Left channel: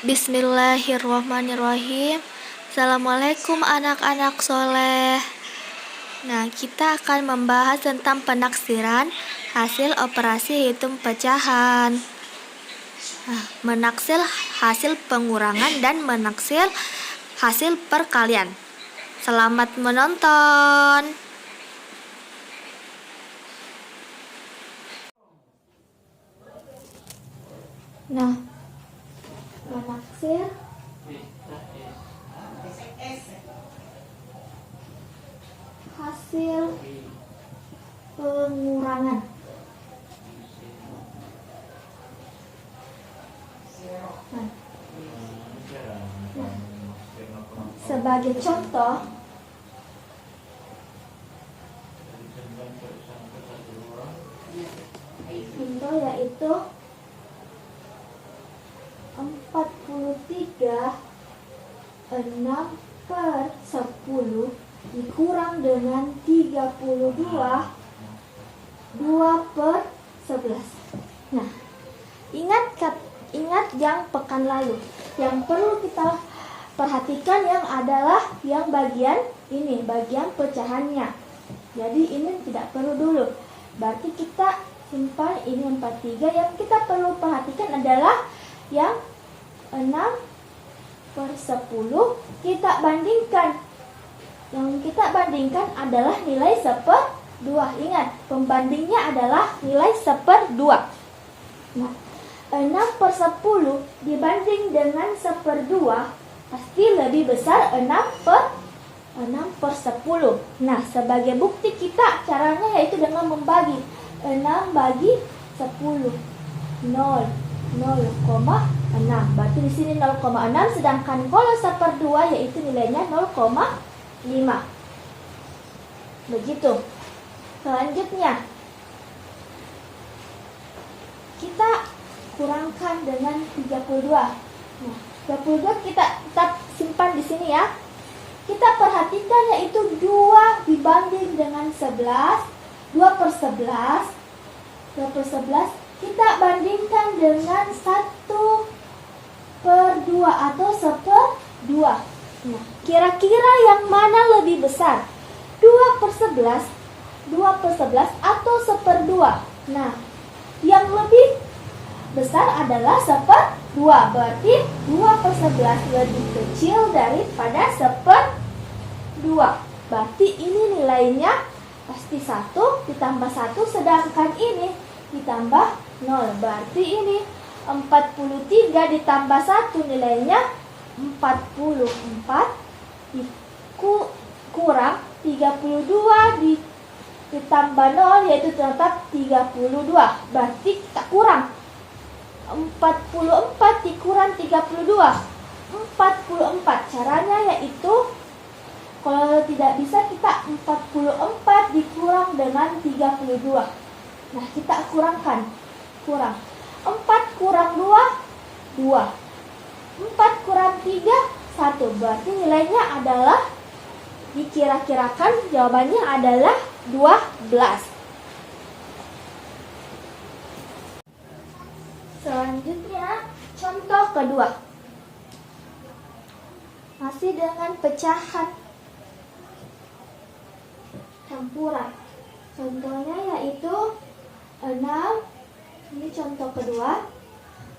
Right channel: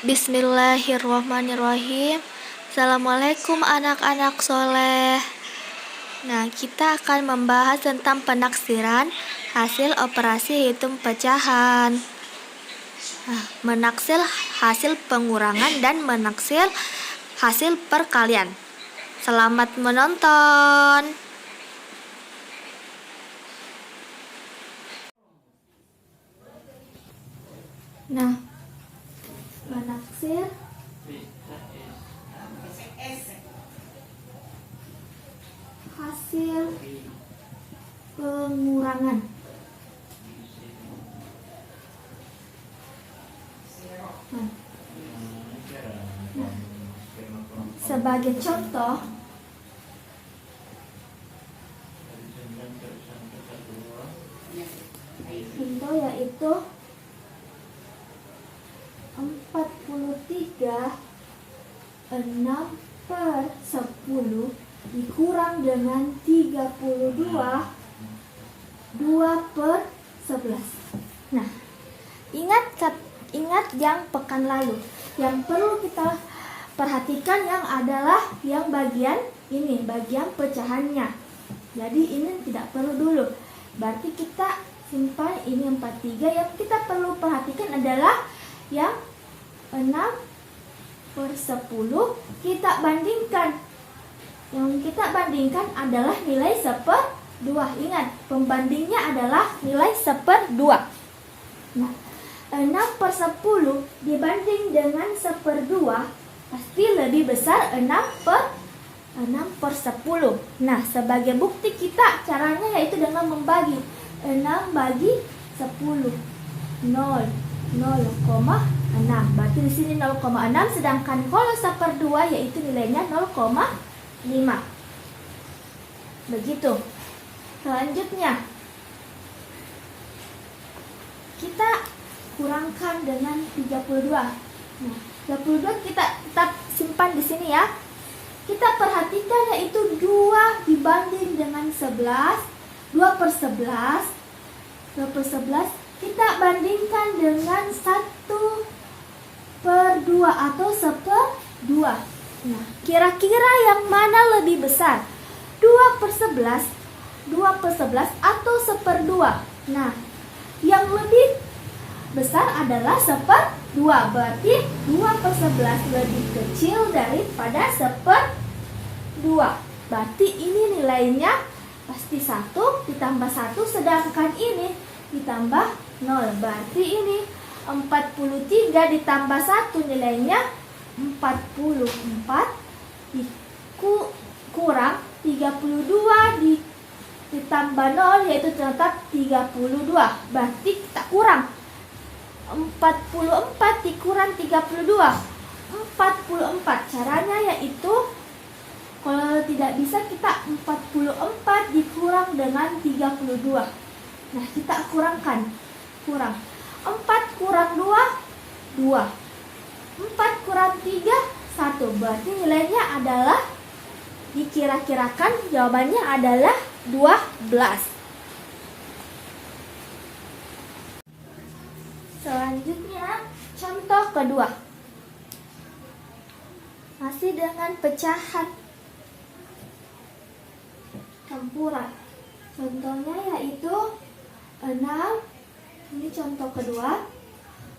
Bismillahirrahmanirrahim. Assalamualaikum anak-anak soleh. Nah, kita akan membahas tentang penaksiran hasil operasi hitung pecahan. Menaksir hasil pengurangan dan menaksir hasil perkalian. Selamat menonton. Nah, menaksir hasil pengurangan. Sebagai contoh, yaitu 43 6/10 dikurang dengan 32 2/11. Nah, ingat yang pekan lalu. Yang perlu kita perhatikan yang adalah yang bagian ini, bagian pecahannya. Jadi ini tidak perlu dulu. Berarti kita simpan ini 43. Yang kita perlu perhatikan adalah yang 6/10 kita bandingkan. Yang kita bandingkan adalah nilai 1/2. Ingat, pembandingnya adalah nilai 1/2. Nah, 6/10 dibanding dengan 1/2 pasti lebih besar 6/10. Nah, sebagai bukti kita caranya yaitu dengan membagi 6 bagi 10. 0,6. Berarti di sini 0,6, sedangkan kalau 1/2 yaitu nilainya 0,5. Begitu. Selanjutnya kita kurangkan dengan 32. Nah, 32 kita tetap simpan di sini ya. Kita perhatikan yaitu 2 dibanding dengan 11. 2/11. 2/11 kita bandingkan dengan 1/2 atau 1/2. Nah, kira-kira yang mana lebih besar? 2/11 atau 1/2? Nah, yang lebih besar adalah 1/2. Berarti 2/11 lebih kecil daripada 1/2. Berarti ini nilainya pasti 1 ditambah 1, sedangkan ini ditambah 0. Berarti ini 43 ditambah 1 nilainya 44 kurang 32 ditambah 0 yaitu tetap 32. Berarti kita kurang 44 dikurang 32, 44. Caranya yaitu kalau tidak bisa kita 44 dikurang dengan 32. Nah, kita kurangkan. Kurang 4 kurang 2 2. 4 kurang 3 1. Berarti nilainya adalah dikira-kirakan jawabannya adalah 12. Selanjutnya contoh kedua. Masih dengan pecahan campuran. Contohnya yaitu 6. Ini contoh kedua.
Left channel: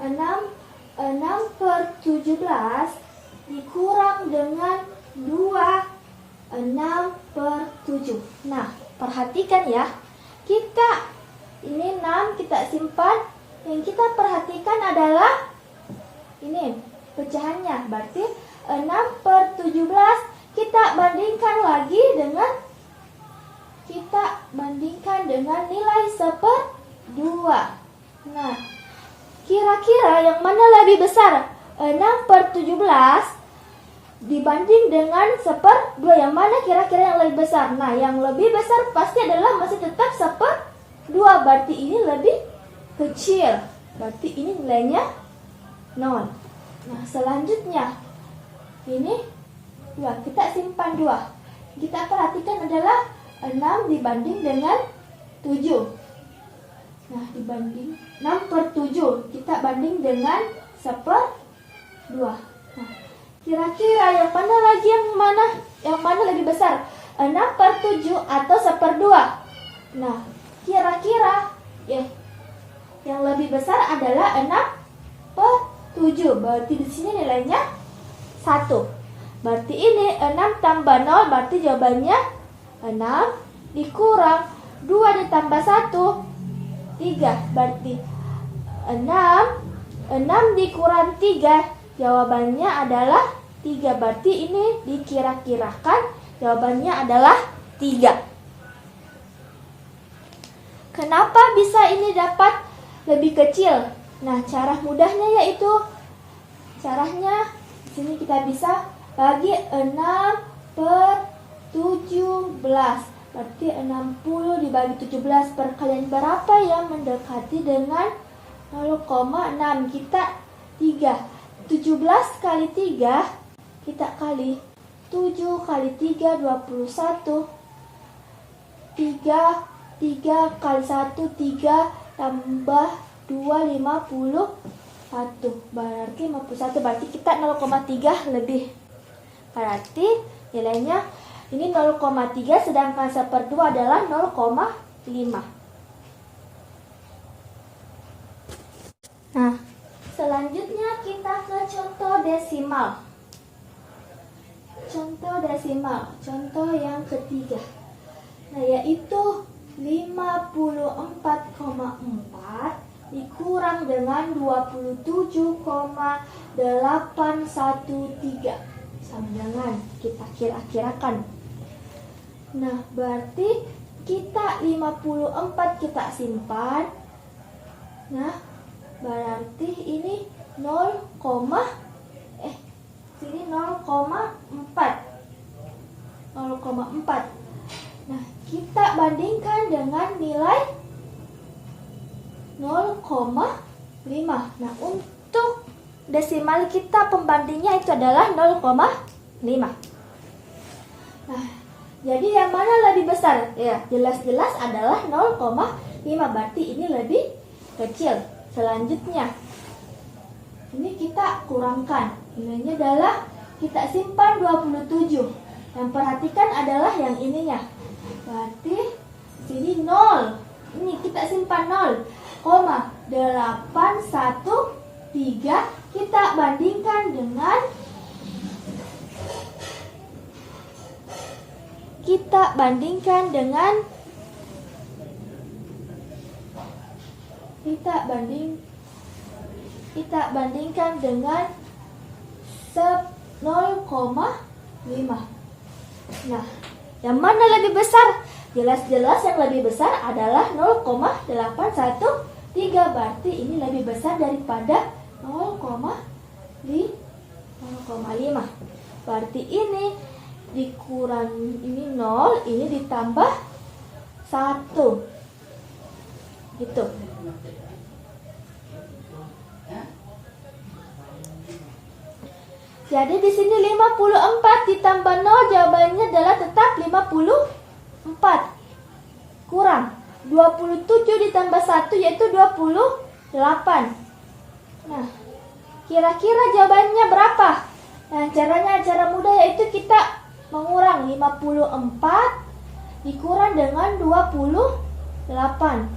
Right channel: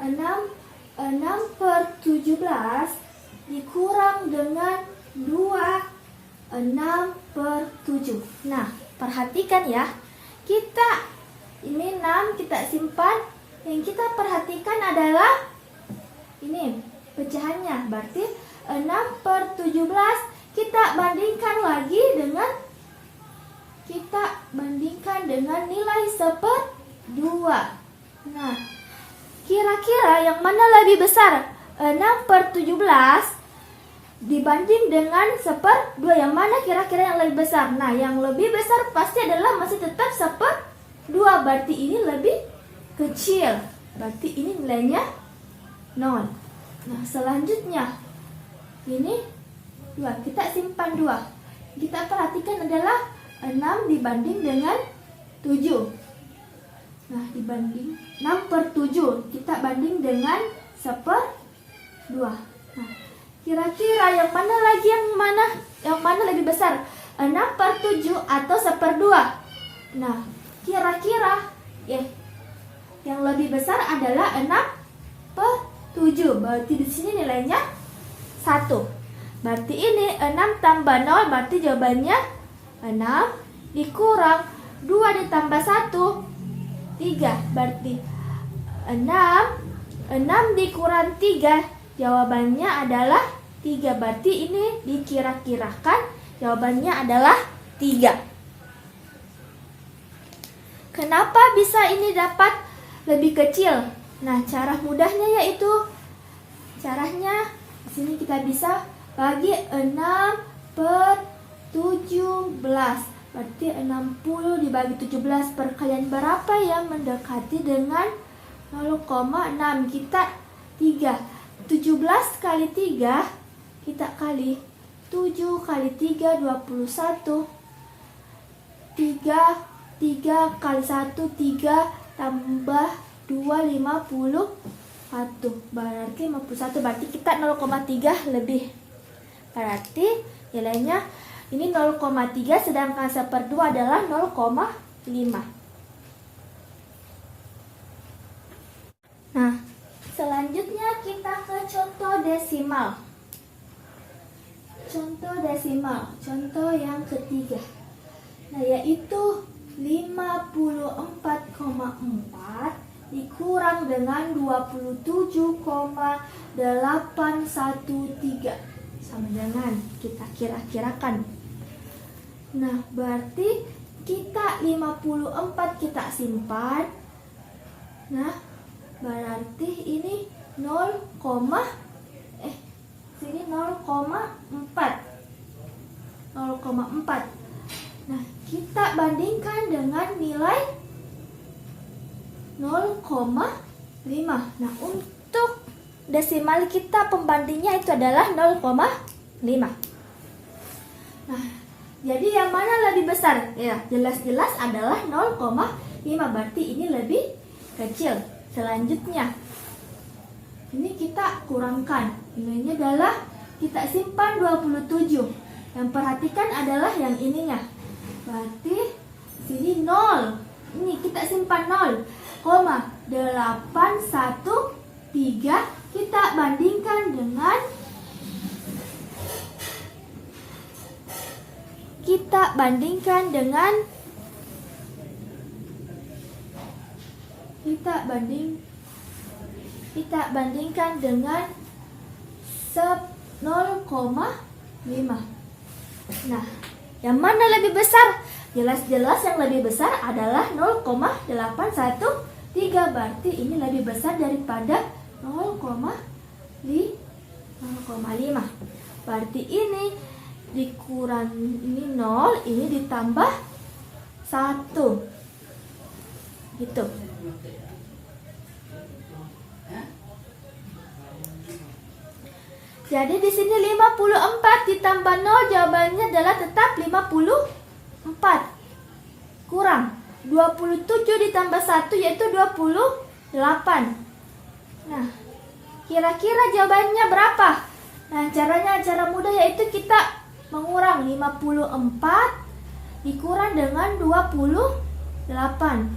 6/17 dikurang dengan 2 6/7. Nah, perhatikan ya. Kita ini 6 kita simpan. Yang kita perhatikan adalah ini pecahannya. Berarti 6/17 kita bandingkan lagi dengan nilai 1/2. Nah, kira-kira yang mana lebih besar? 6/17 dibanding dengan 1/2. Yang mana kira-kira yang lebih besar? Nah, yang lebih besar pasti adalah masih tetap 1/2. Berarti ini lebih kecil. Berarti ini nilainya 0. Nah, selanjutnya ini 2. Kita simpan 2. Kita perhatikan adalah 6 dibanding dengan 7. Nah, dibanding 6/7 kita banding dengan 1/2. 2. Nah, kira-kira yang mana lebih besar? 6/7 atau 1/2? Nah, kira-kira yang lebih besar adalah 6/7. Berarti di sini nilainya 1. Berarti ini 6 tambah 0, berarti jawabannya 6 dikurang 2 ditambah 1, 3. Berarti 6 dikurang 3, jawabannya adalah 3. Berarti ini dikira-kirakan jawabannya adalah 3. Kenapa bisa ini dapat lebih kecil? Nah, cara mudahnya yaitu caranya di sini kita bisa bagi 6/17. Berarti 60 dibagi 17 perkalian berapa yang mendekati dengan 0,6? Kita 3. 17 kali 3 kita kali 7 kali 3 21. 3 kali 1 3 tambah 2 51. Berarti 51. Berarti kita 0,3 lebih. Berarti nilainya ini 0,3 sedangkan 1/2 adalah 0,5. Nah, selanjutnya kita ke contoh desimal. Contoh yang ketiga. Nah, yaitu 54,4 dikurang dengan 27,813. Sama dengan kita kira-kirakan. Nah, berarti kita 54 kita simpan. Nah, berarti ini 0,4. Nah, kita bandingkan dengan nilai 0,5. Nah, untuk desimal kita pembandingnya itu adalah 0,5. Nah, jadi yang mana lebih besar? Ya, jelas-jelas adalah 0,5. Berarti ini lebih kecil. Selanjutnya, ini kita kurangkan. Nilainya adalah kita simpan 27. Yang perhatikan adalah yang ininya. Berarti sini 0. Ini kita simpan 0,813. Kita bandingkan dengan kita bandingkan dengan 0,5. Nah, yang mana lebih besar? Jelas-jelas yang lebih besar adalah 0,813. Berarti ini lebih besar daripada 0,5. Berarti ini dikurang ini 0, ini ditambah 1. Gitu. Jadi di sini 54 ditambah 0 jawabannya adalah tetap 54. Kurang 27 ditambah 1 yaitu 28. Nah, kira-kira jawabannya berapa? Nah, cara mudah yaitu kita mengurang 54 dikurang dengan 28.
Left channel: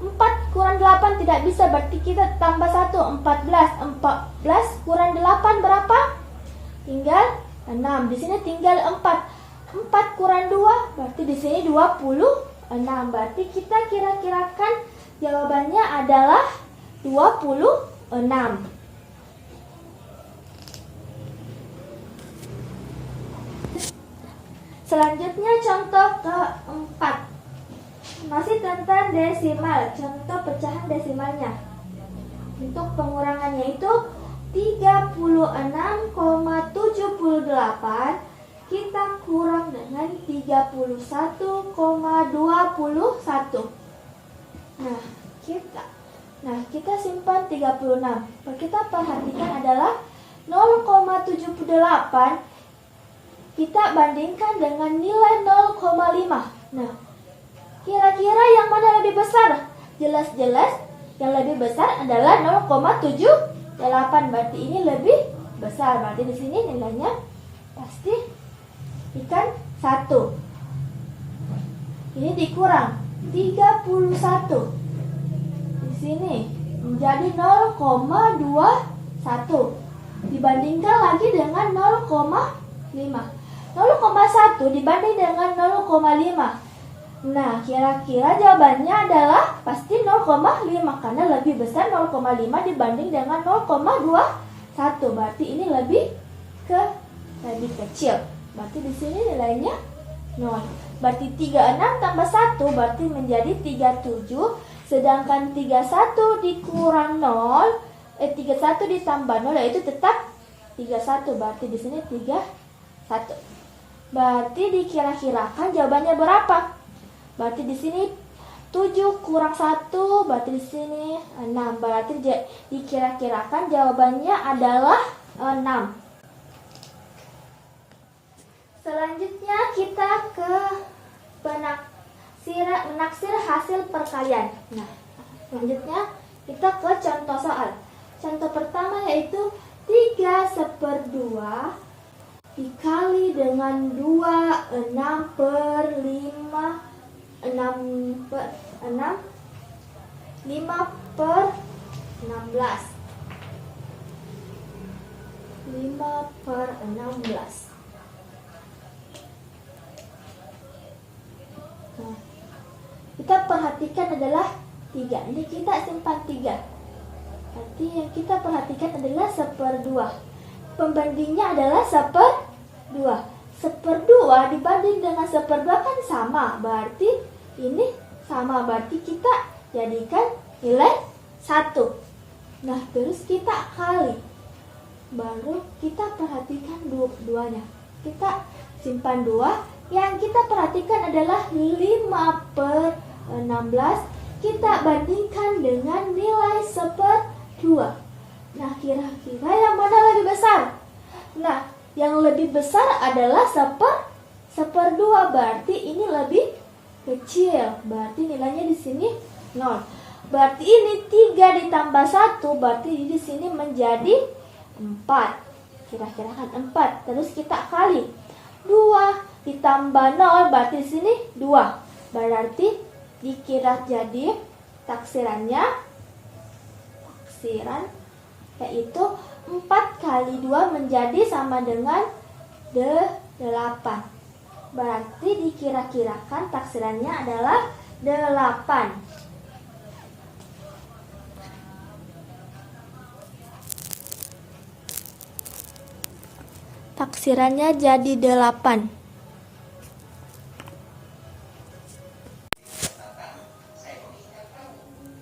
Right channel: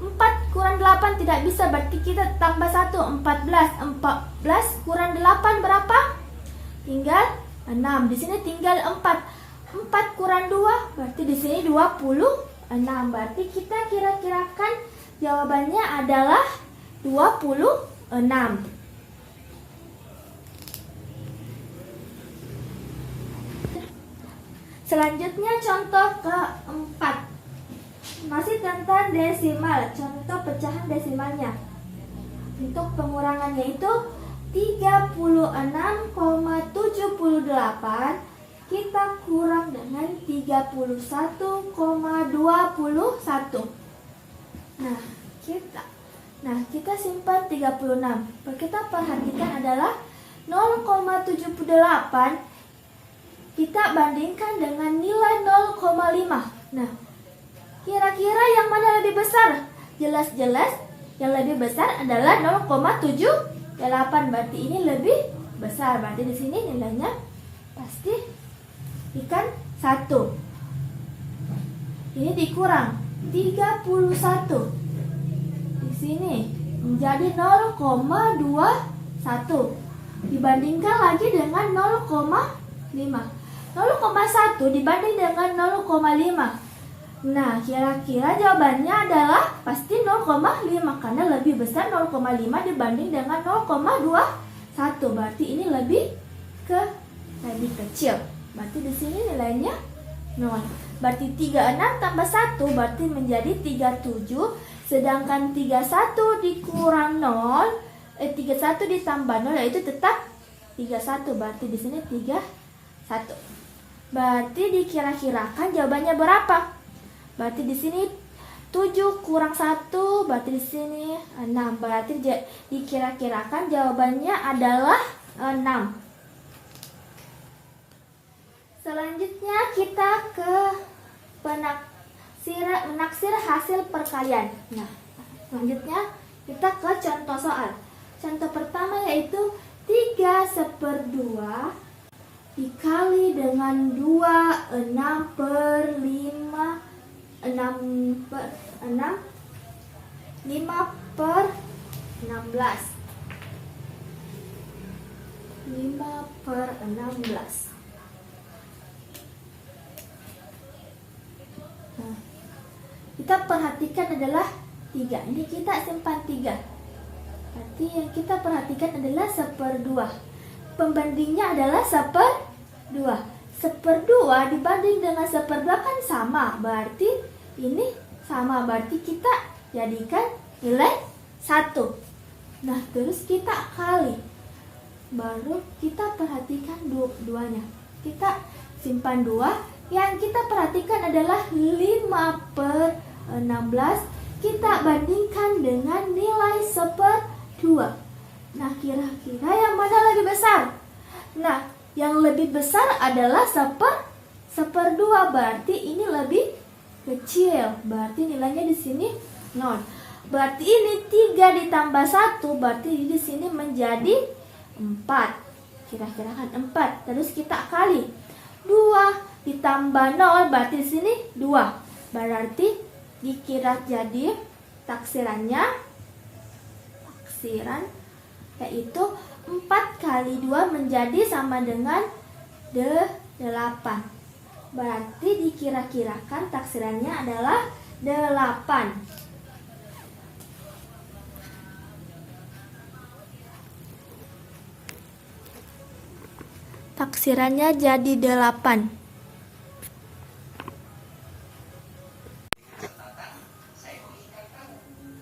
4 kurang 8 tidak bisa, berarti kita tambah 1, 14. 14 kurang 8 berapa? Tinggal 6. Di sini tinggal 4. 4 kurang 2, berarti di sini 26. Berarti kita kira-kirakan jawabannya adalah 26. Selanjutnya contoh keempat. Masih tentang desimal, contoh pecahan desimalnya. Untuk pengurangannya itu 36,78 kita kurang dengan 31,21. Nah, kita simpan 36. Yang kita perhatikan adalah 0,78 kita bandingkan dengan nilai 0,5. Nah, kira-kira yang mana lebih besar? Jelas-jelas yang lebih besar adalah 0,78. 8, berarti ini lebih besar. Berarti di sini nilainya pasti ikan 1. Ini dikurang 31. Di sini menjadi 0,21 dibandingkan lagi dengan 0,5. 0,1 dibanding dengan 0,5. Nah, kira-kira jawabannya adalah pasti 0,5 karena lebih besar 0,5 dibanding dengan 0,21. Berarti ini lebih kecil. Berarti di sini nilainya 0. Berarti 36 tambah 1 berarti menjadi 37. Sedangkan 31 dikurang 0, 31 ditambah 0 yaitu tetap 31. Berarti di sini 31. Berarti dikira-kirakan jawabannya berapa? Berarti di sini 7 kurang 1, berarti di sini 6. Berarti dikira-kirakan jawabannya adalah 6. Selanjutnya kita ke menaksir hasil perkalian. Nah, selanjutnya kita ke contoh soal. Contoh pertama yaitu 3/2 dikali dengan 2, 6 per 5, 5 per 16. 5 per 16. Nah, kita perhatikan adalah 3. Ini kita simpan 3. Berarti yang kita perhatikan adalah 1/2. Pembandingnya adalah 1/2. 1/2 dibanding dengan 1/2 kan sama. Berarti ini sama. Berarti kita jadikan nilai 1. Nah, terus kita kali. Baru kita perhatikan duanya. Kita simpan 2. Yang kita perhatikan adalah 5 per 16. Kita bandingkan dengan nilai 1/2. Nah, kira-kira yang mana lebih besar? Nah, yang lebih besar adalah 1/2. Berarti ini lebih kecil. Berarti nilainya di sini 0. Berarti ini 3 ditambah 1. Berarti di sini menjadi 4. Kira-kira kan 4. Terus kita kali 2 ditambah 0 berarti di sini 2. Berarti dikira jadi taksiran yaitu 4 kali 2 menjadi sama dengan 8. Berarti dikira-kirakan taksirannya adalah 8. Taksirannya jadi 8.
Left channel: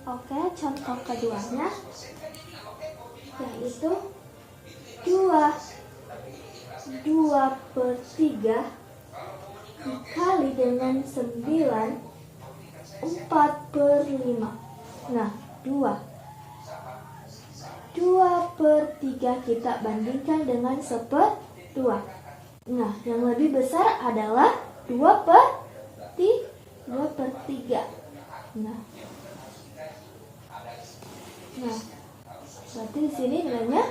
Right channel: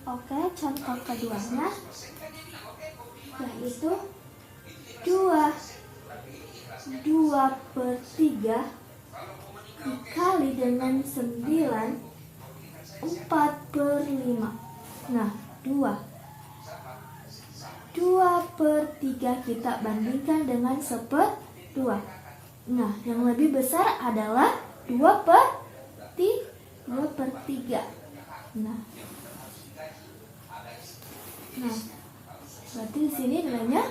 Oke, contoh keduanya yaitu 2/3 dikali dengan 9, 4/5. Nah, 2/3 kita bandingkan dengan 1/2. Nah, yang lebih besar adalah 2/3. Nah, berarti di sini nilainya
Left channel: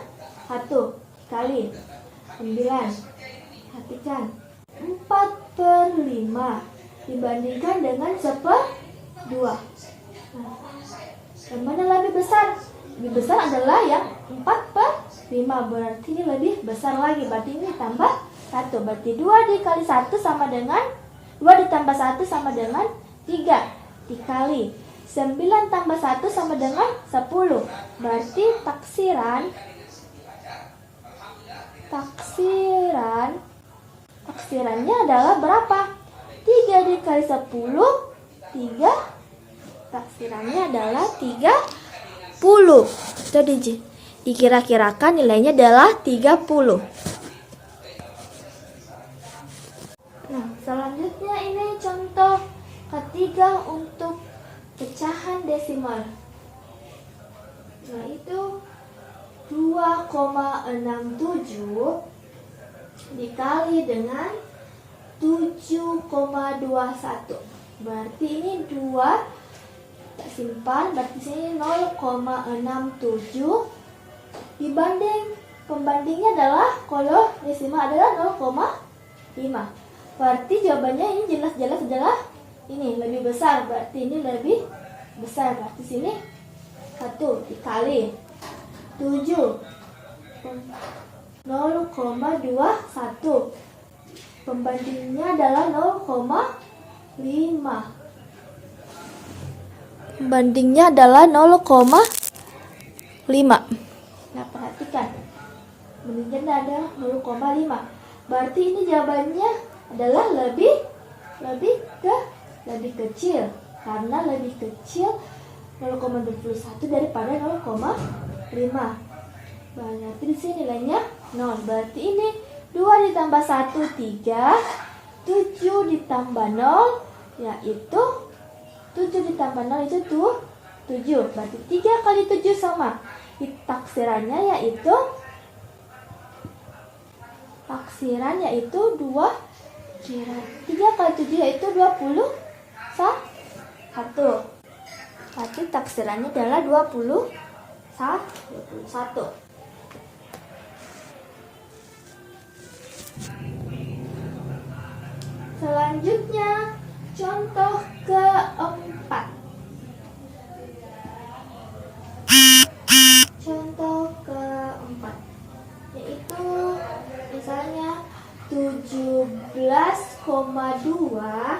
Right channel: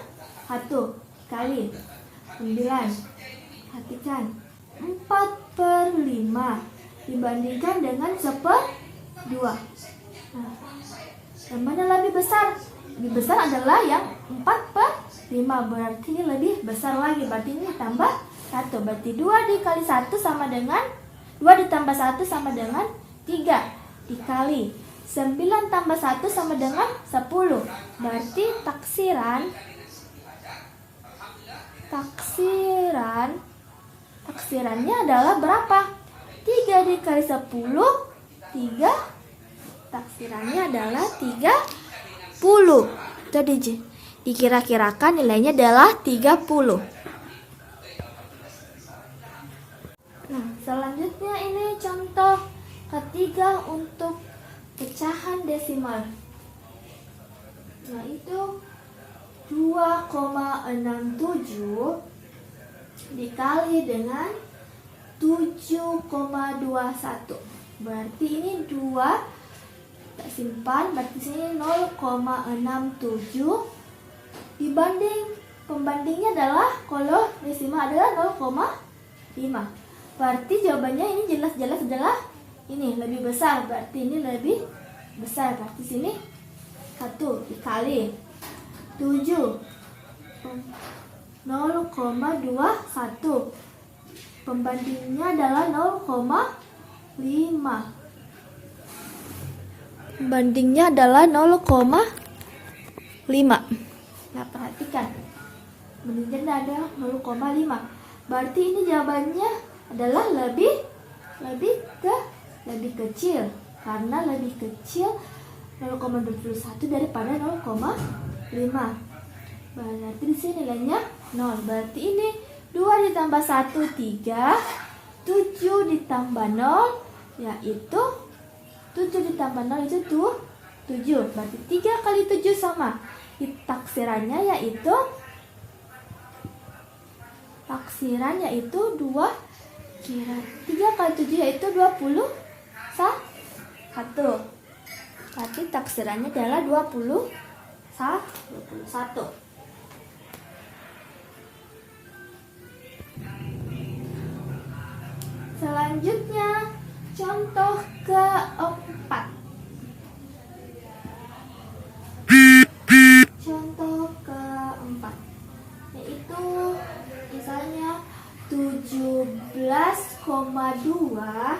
1 kali 9. Perhatikan 4/5 dibandingkan dengan 1/2. Nah, yang mana lebih besar? Lebih besar adalah yang 4/5. Berarti ini lebih besar lagi. Berarti ini tambah 1. Berarti 2 dikali 1 sama dengan 2 ditambah 1 sama dengan 3. Dikali 9 tambah 1 sama dengan 10. Berarti taksirannya adalah berapa? 3 dikali 10, 3. Taksirannya adalah 30. Jadi dikira-kirakan nilainya adalah 30. Nah, selanjutnya ini contoh ketiga untuk pecahan desimal, yaitu 2,67 dikali dengan 7,21. Berarti ini 2 kita simpan, berarti sini 0,67 Pembandingnya adalah kalau desimal adalah 0,5. Berarti jawabannya ini jelas-jelas adalah ini lebih besar. Berarti ini lebih besar. Berarti sini 1 dikali 7 0,21. Pembandingnya adalah 0,5. Pembandingnya adalah 0,5. Nah, perhatikan. Pembandingnya adalah 0,5. Berarti ini jawabannya adalah lebih kecil. Karena lebih kecil 0,21 daripada 0,5. Berarti di sini nilainya 0. Berarti ini 2 ditambah 1, 3. 7 ditambah 0, yaitu 7 ditambah 0 itu 7. Berarti 3 kali 7 sama. Taksirannya yaitu 2. 3 kali 7 yaitu 21. Berarti taksirannya adalah 21. Selanjutnya, contoh keempat. Contoh keempat, yaitu misalnya 17,2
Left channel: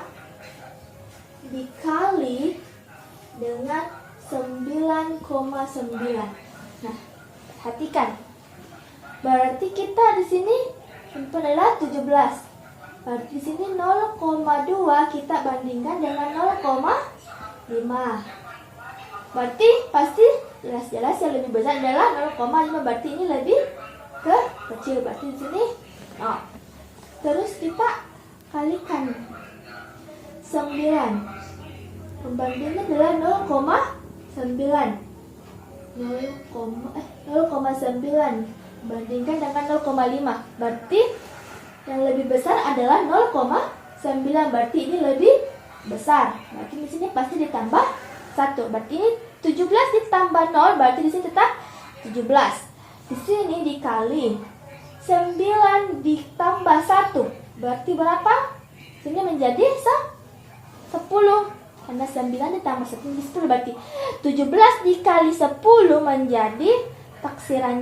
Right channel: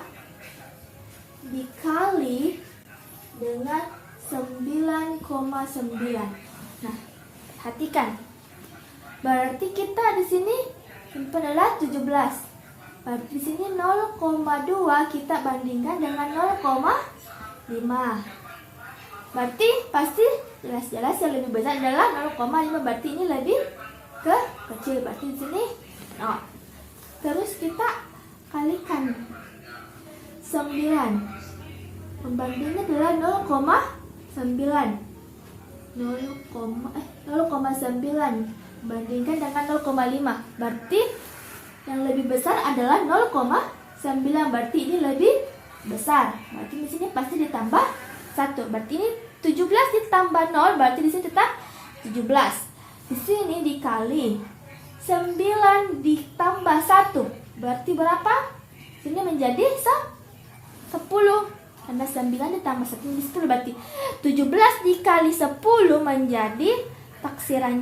dikali dengan 9,9. Nah, perhatikan. Berarti kita di sini simpan adalah 17. Berarti di sini 0,2 kita bandingkan dengan 0,5. Berarti pasti jelas-jelas yang lebih besar adalah 0,5. Berarti ini lebih kecil. Berarti di sini 0. Terus kita kalikan 9. Pembandingnya adalah 0,9. 0,9 bandingkan dengan 0,5. Berarti yang lebih besar adalah 0,9. Berarti ini lebih besar. Berarti di sini pasti ditambah 1. Berarti ini 17 ditambah 0, berarti di sini tetap 17. Di sini dikali 9 ditambah 1. Berarti berapa? Sini menjadi 10. Karena 9 ditambah 1 menjadi 10. Berarti 17 dikali 10 menjadi taksiran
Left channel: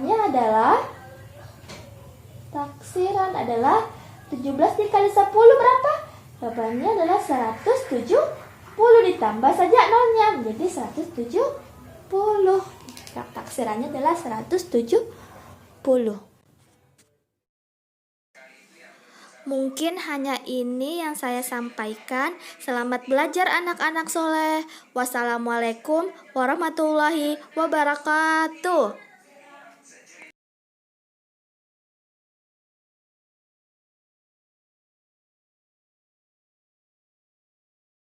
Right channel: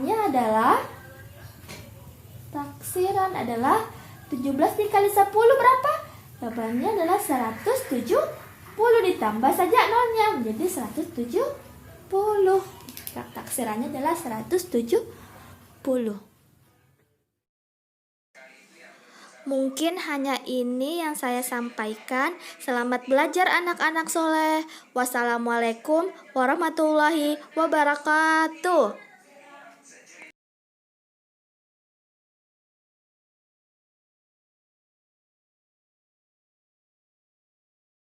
adalah 17 dikali 10 berapa? Jawabannya adalah 170. Ditambah saja nolnya menjadi 170. Taksirannya adalah 170. Mungkin hanya ini yang saya sampaikan. Selamat belajar anak-anak soleh. Wassalamualaikum warahmatullahi wabarakatuh.